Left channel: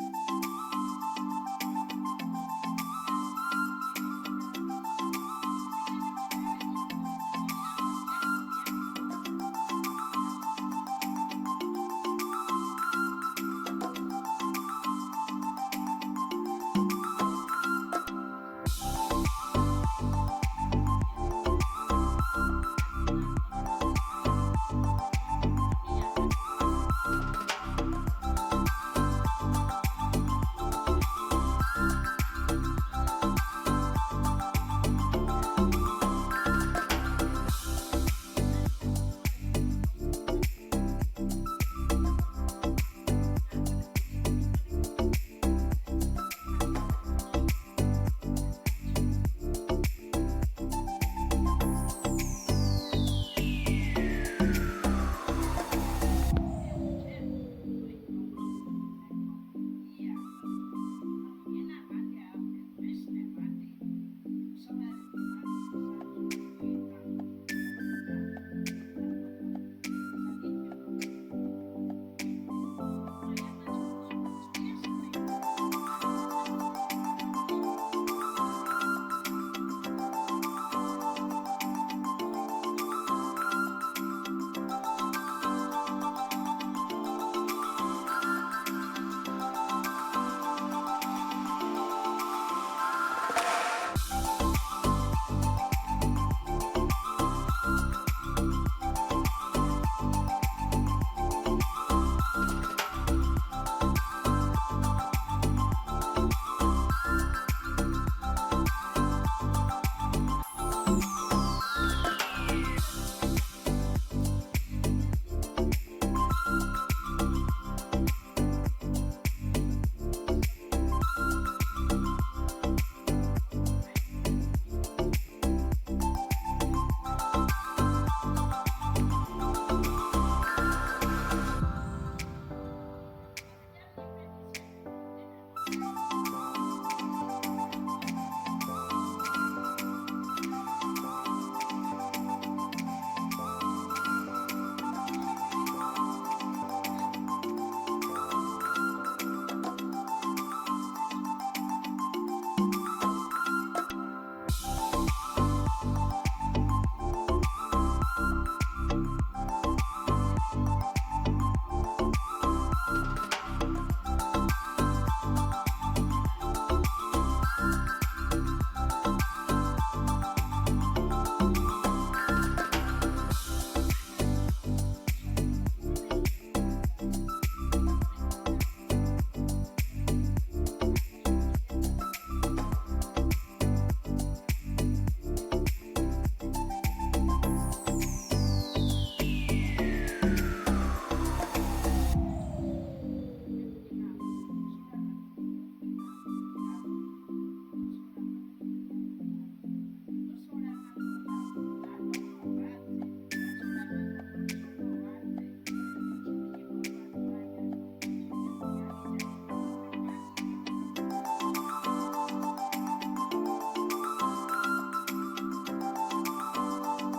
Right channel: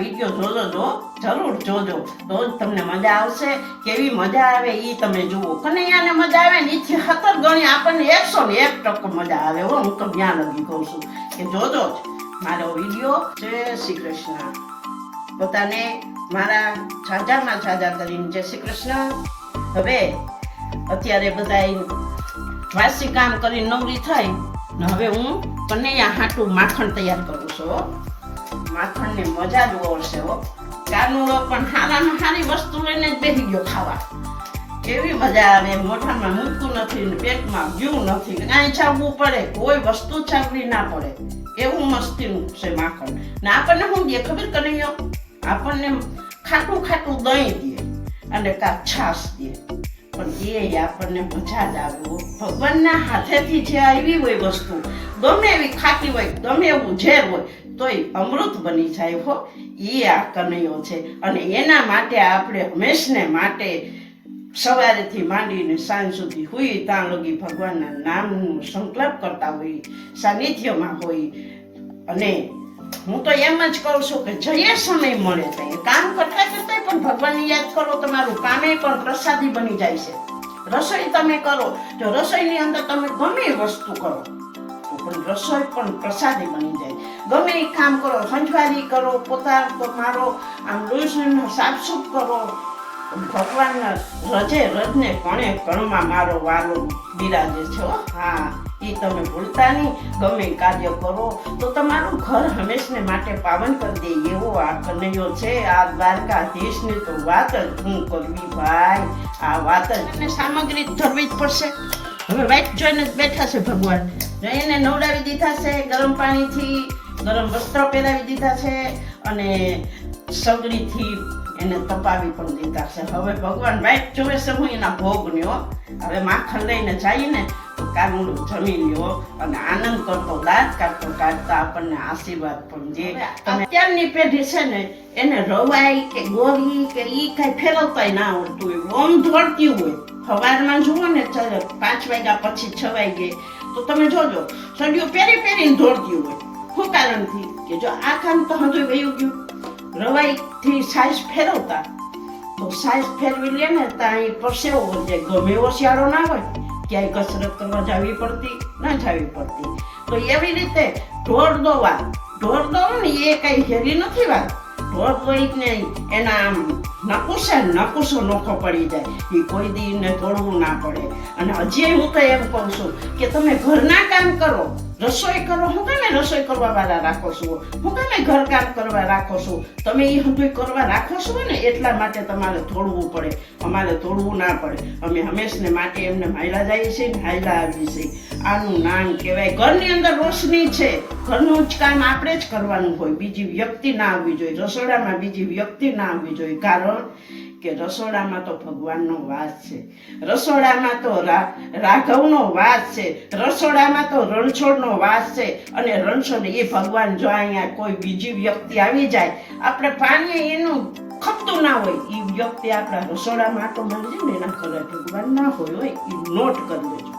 Video જરૂર જોજો, તો જ તમને મજા આવશે. કેવી મજા આવે એ તમે જુઓ. કનૈયાને મજા આવે ને એથી 70 ગણી આપણને 101% મજા આવે. હું તો જ્ઞાન લગી કહું છું કે જોજો જ મારો વિડીયો. જય શ્રી કૃષ્ણ. પોતાને મારા છાજામાં છાજા કરીને જય શ્રી કૃષ્ણ. હવે અત્યારે બધા વાસી કામ કરી નવરી થઈ ને હવે હું કનૈયા હાટું માખણ તૈયાર કરું છું. માખણની મજા જ ઓળશે હો. કાનુડો પણ હારામાં હારી વસ્તુ લઈને જ બેસી ગયો ખાવા. કેવી મજા આવે. મોઢામાં મૂકતું નથી ને પેટમાં ગયું નથી, કાંઈ છાવવું પડે, કોઈ વસ્તુ છાવવી ના પડે, એવું મસ્તીનું છે માખણ. ને આપણને શું દે ખબર કનૈયો? આપણને ખાટું ખાટું દહીં દે અને કાં છાશ દે, પણ એ આપણને મજા જ આવે. ભગવાનના હાથેથી જે આવી હોય વસ્તુ, ગમે એવી ખાટી હોય, ગમે એવું ઝેર હોય, તોય અમૃત બની જાય હો. એ આ કનૈયો છે. અને એના માટે આપણે હંમેશને માટે સવારેથી માંડીને સાંજ સુધી હોય ત્યાં લગી ભગવાનના નામનો સંકલ્પ કરતા હોય, સાનિધ્યમાં હોય. અને હું તો એમ જ કહું છું કે જઈએ સમય મળે તો કામ કરતા કરતા પણ ભગવાનને યાદ કરો. તમારું કામે પણ પ્રસાદી બની જાય છે. રસોઈ તમે કરો, જો રસોઈની અંદર તમે ગમે એ વસ્તુ કરો તો પણ રસોઈ પણ પ્રસાદી બની જાય. ગમે એ કામ કરો, સંજવારી કરો, પોતા મારો, આમ રોજનું સાફસૂફ કરો, ભગવાનના રજે રજને કણે કણમાં મારો વાલો બિરાજે છે. હા, એ તમે ભૂલતા નહીં. ગમે કાર્ય કરો તો તમારું ઘર હંમેશને માટે પાવન કરી દે એવો આ કનૈયો છે. આ દ્વારકાધીશની તો વાત જ હું કરવી ભાઈ. આ વાત જ એને સામગ્રી ધરવી જ પડશે. હવે વાઈટ જોઈને જ બેઠા છે ભગવાન. એને નવડાવી દીધા છે ગરમ પાણીથી, ગરમ વસ્ત્ર પહેરાવી દીધા છે અને સગડીથી એને તપાવી પણ દીધા છે. હવે ભગવાન વાઈટ જોવે છે હું એના ભોગને હો. હવે માખણ લઈને જઈને કાનુડું જમી લ્યો અને આનંદ કરતો દાંત કાઢતા આપણને આશીર્વાદ પણ દે. અત્યારની પેઢી છે ને એને રવાઈ કે ગોળી કે ઈ કઈ ફેરવતાય ના આવડતું હોય. ઓમ દોડતી હોય. સવારમાં જુઓ ને 5 વાગ્યા પછી 6 વાગે તો તમે જોજો સડિયું પહેરીને દોડતી હોય. શું કારણથી? કે જો આ કામ તો હજુ વયું ગયું. રવાઈથી સાઈઝ ફેરવતા તો સાઈઝ ફેરવી લે ને ત્યાં એ પરસેવો હોય. ગમે એવો શિયાળો ના હોય, ક્યાંય કસરત કરવા જવી પડતી ના જવી પડતી. તો એવી રીતે ઢોર દોવા ને એ કઈ હેરી નથી વાત. ઢોર દોઈ ને એના આમ નકુસો નોખો પડી જાય. એ કોઈ દીને દોડવું ના પડે. અને હજી હું તો એમ કહું છું કે તમે ઘરના કામ કરો, રસોઈ કરો. હું કામે રસોઈ કરવા વાળા રાખો છો? હું કામે ઘરકામ કરવા રાખો છો? તમે એ બધું કરવા રાખો છો ને એટલા માટે તમારે દોડવું પડે. અમારે દોડવું ના પડે. અમે હંમેશને માટે એમને હાયલા જઈએ છીએ ને હાયલા આવીએ છીએ. આનું નામ કહેવાય ઘરની અંદર રોશની છે. ઘરનું જ કામ આપણે જ કરવાનું હોય, બીજી વ્યક્તિ ના આવવી જોઈએ. રસોડામાં બીજી વ્યક્તિ ના આવવી જોઈએ. કારણ કે રસોડામાં તો ભગવાનનો વાસ છે. રસોડામાં તો રાઘવનો વાસ છે. રસોડામાં તો રણછોડનો વાસ છે. અને રણછોડ એ ભગવાન જો અહીંયા કોઈ બીજી વ્યક્તિ આવી જાય, આપણે પાણી એનું ખપતું ના હોય, એ વ્યક્તિ આપણા રસોડામાં તો મંદિર એના ઘરે ભગવાન ના હોય એ નોટ કરી દેજો.